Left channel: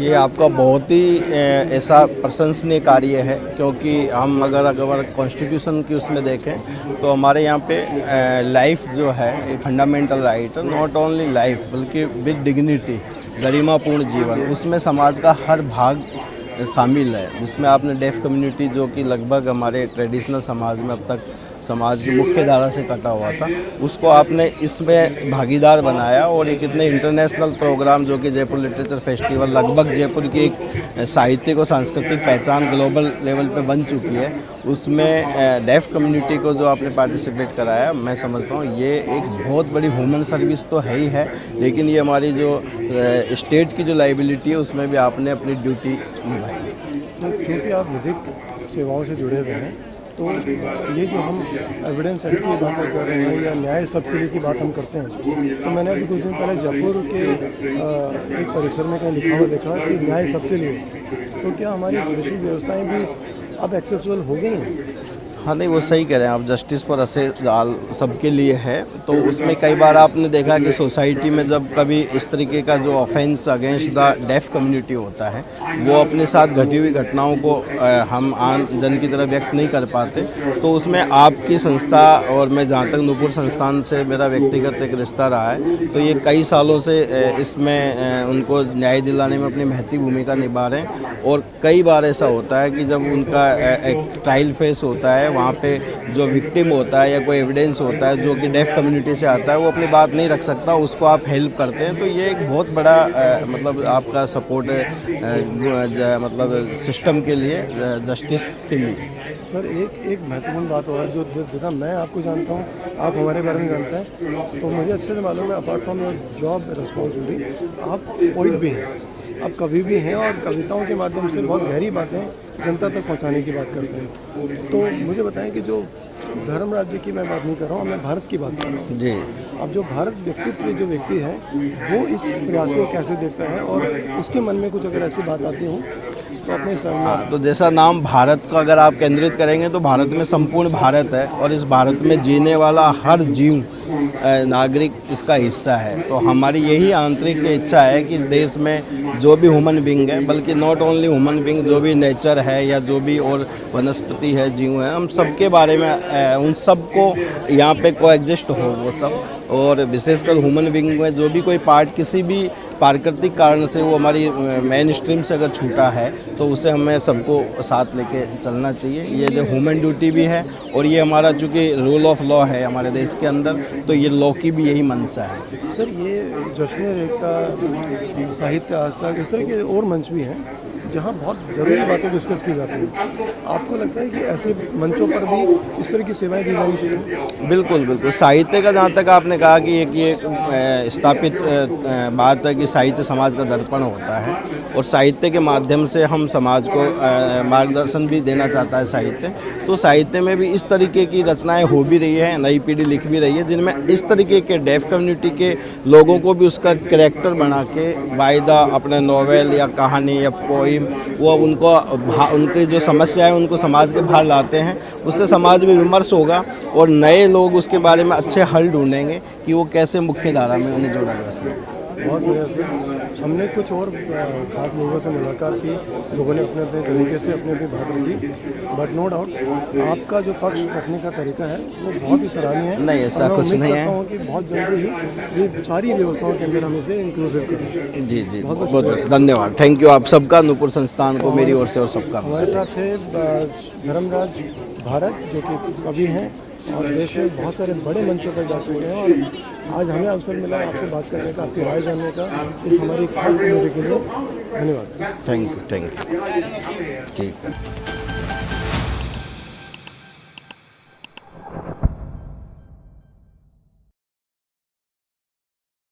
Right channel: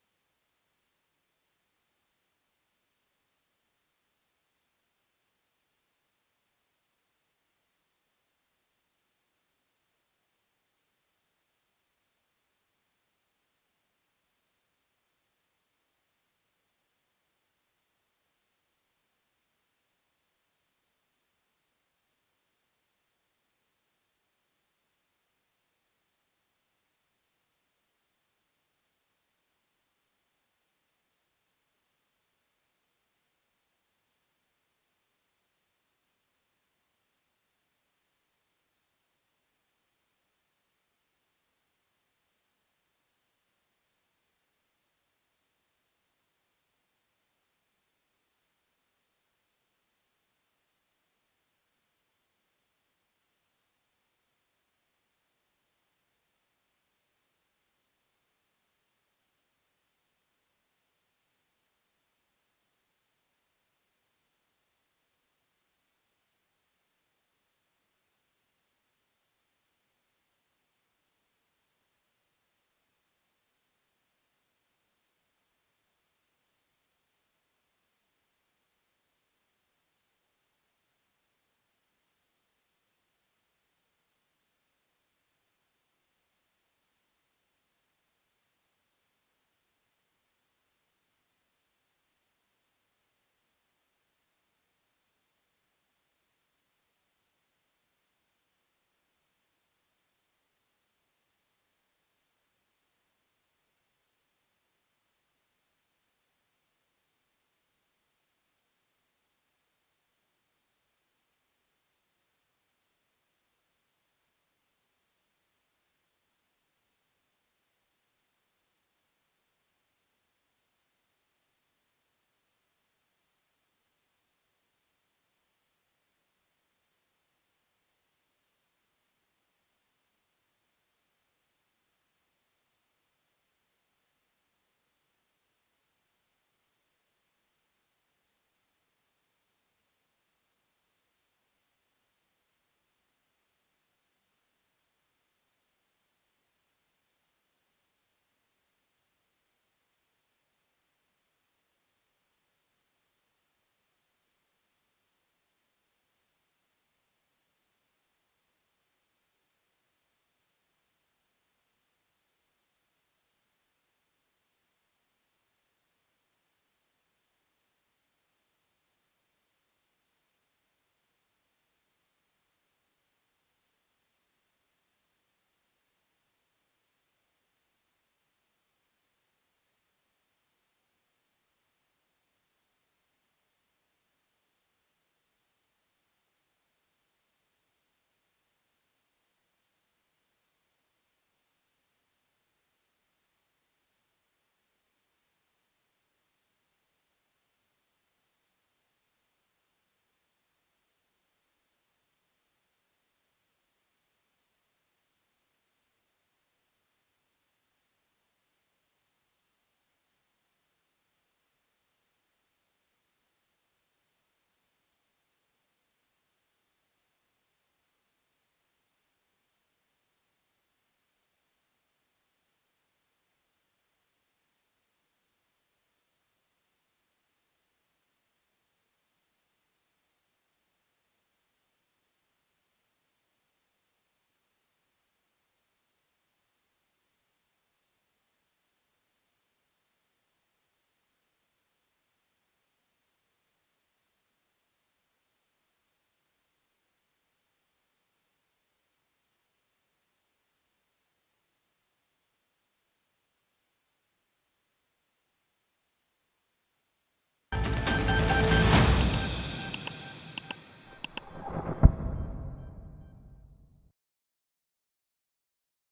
ये आपका बहुत ही ऐसा प्रशंसनीय कार्य है, क्योंकि हम अगर कॉन्स्टिट्यूशन की उसमें देखें तो हमारे यहाँ पे लाइफ जो है ये फंडामेंटल राइट है, नॉट ओनली लाइफ बल्कि विद डिग्निटी, गरिमापूर्ण जीवन, उसमें समाज का हर भाग शामिल है, जिसमें आपने डेफ कम्युनिटी जो कि लगभग हमारे ट्रेडिशनल समाज में अब तक समाज की मुख्य धारा से कटा हुआ था, उसको आपने इसमें भागीदार बनाया। और एक इतने इंटरनेशनल प्रोग्राम जो कि जयपुर लिटरेचर फेस्टिवल, लगभग जयपुर की एक साहित्यिक और सांस्कृतिक पहचान ग्लोबल लेवल पे बन चुकी है, उसमें डेफ कम्युनिटी को जो आपने पार्टिसिपेट कराया, मैं समझता हूँ ये एक बहुत बड़ी ह्यूमन सर्विस तो है ही है, लेकिन ये हमारी जो स्टेट की जो लाइबिलिटी है उसमें भी आपने अपनी ड्यूटी निभाई। क्योंकि आप विधिक सेवाओं से जुड़े हुए हैं, तो ये जो हम एविडेंस एक्ट की बातें कर रहे हैं या न्याय सबके लिए की बात हम करते हैं, तो मैंने अभी कुछ दिन पहले जयपुर के एक परिसर में कहीं लिखा हुआ देखा कि न्याय सबके लिए, तो क्या हमारी जुडिशल व्यवस्थाएं भी अब एक्सेसिबल हो गई हैं? हाँ, नहीं वो सही कह रहे हैं आप, जस्टिस फॉर असे जाल सबके लिए है। तो उसमें कई बार आपने देखा कि सोसाइटी में जब कभी इस तरीके का जो offence against the def community होता है, वो अपने साथ घटी हुई घटनाओं को हम आम जन की तरह व्यक्त नहीं कर पाते, तो उसमें आपकी संस्था और मैं जहाँ तक नूपुर संस्थान से मेरा व्यक्तिगत एक रिश्ता रहा है, तो ये कई सालों से इसमें उनको न्याय दिलाने में अपनी महती भूमिका निभा रहे हैं। और कई बार ऐसा होता है कि जब उनका एक ट्रायल फेस होता है, वहाँ पे जो विक्टिम होता है या कोई एविडेंस होता है जो कि डेफ कम्युनिटी से आता है, वो अपनी बात नहीं रख सकता, उसको आप हेल्प करते हैं, तो ये एक बहुत बड़ा मतलब आपका सपोर्ट है मतलब सिस्टम के लिए, जस्टिस के लिए। सर एक महत्वपूर्ण बात और जो जितना मैं आपको जानता हूँ, आप हमारे बारे में जानते हैं, तो मुझे अच्छे से मालूम है apart from your job responsibility, आप पोइट भी हैं, आप कवि भी हैं और कविताओं के माध्यम से बहुत गहरी बातें जनता तक पहुंचाने की बात करते हैं। तो मुझे बताएं कि जो धर्म राज्य की मैं बात नहीं कर रहा हूँ, मैं भारत की बात कर रहा हूँ जी। अब जो भारत व्यक्तित्व जो व्यक्ति है वो इस प्रयास को कैसे देखता है, और उसके मन में कुछ अगर ऐसी बात आती हो तो अपने हाँ, तो जैसा नाम भारत का अगर आप केंद्रित करेंगे तो भारत में संपूर्ण भारत है, और इस भारत में जीने वाला हर जीव नागरिक इसका हिस्सा है। तो हमारी यही आंतरिक इच्छा है कि इस देश में जो भी ह्यूमन बीइंग है, बल्कि नॉट ओनली ह्यूमन बीइंग, जो भी नेचर है या जो भी और वनस्पति है, जीव है, हम सबके बारे में उन सबको यहाँ पे कोएग्जिस्ट हो वो सब। और विशेषकर ह्यूमन बीइंग में जो भी कोई पार्ट किसी भी प्राकृतिक कारण से वो हमारी मेन स्ट्रीम से अगर छूटा है, तो उसे हमें सबको साथ लेके चलना चाहिए। ये जो ह्यूमन ड्यूटी भी है, और ये हमारा चूँकि रूल ऑफ लॉ है हमारे देश के अंदर, तो ये लॉ की भी यही मंशा है। सर ये जश्न एकता, साहित्य आज तक, इस तरह के और मंच भी हैं जहाँ बहुत ज़रूरी बातें डिस्कस की जाती हैं। आपको लगता है कि ऐसे मंचों पर भी इस तरह की सेवाएं दी जानी चाहिए? बिल्कुल बिल्कुल। साहित्य का जहाँ तक आपने कहा कि एक ये स्थापित बात है कि साहित्य समाज का दर्पण होता है, और साहित्य के माध्यम से हम समाज को मार्गदर्शन भी देना चाहता है साहित्य। तो साहित्य में भी इस तरीके की रचनाएं हो भी रही है, नई पीढ़ी लिख भी रही है, जिनमें इस तरीके के डेफ कम्युनिटी के लोगों को भी उसका कैरेक्टर बना के वायदा अपने नॉवेल या कहानी या पोइम, वो उनको उनकी जो समस्या है उनको समाज के बाहर लाते हैं। उससे समाज में विमर्श होगा और नए लोग उसके बारे में अच्छे हल ढूंढेंगे कि वो कैसे मुख्य धारा में उन्हें जोड़ा जा सके। बहुत बढ़िया सर। हमने कुछ और खास लोगों से मुलाकात की, लोगों ने अपने अपने तरीके से अपनी अपनी बात रखी, बट नो डाउट आपका जो पक्ष रखने का तरीका है वो बहुत ही सराहनीय है। नहीं, ऐसा कुछ नहीं है। कि बहुत जल्दी ही ये सारी व्यवस्थाओं के अंदर हम इसे इंक्लूसिव करें। जी जी, बहुत धन्यवाद, थैंक यू आप सबका, नूपुर संस्थान को मेरी ओर से और सबका। हमारे साथ थे धर्मराज भारत, जो कि कवि हैं और देश में बहुत सारे बड़े मंचों पर जा चुके हैं, और आज हमें अवसर मिला आपसे बात करने का, आपकी राय जानने का, इस हमारी खास कम्युनिटी के लिए धन्यवाद। थैंक यू ठीक।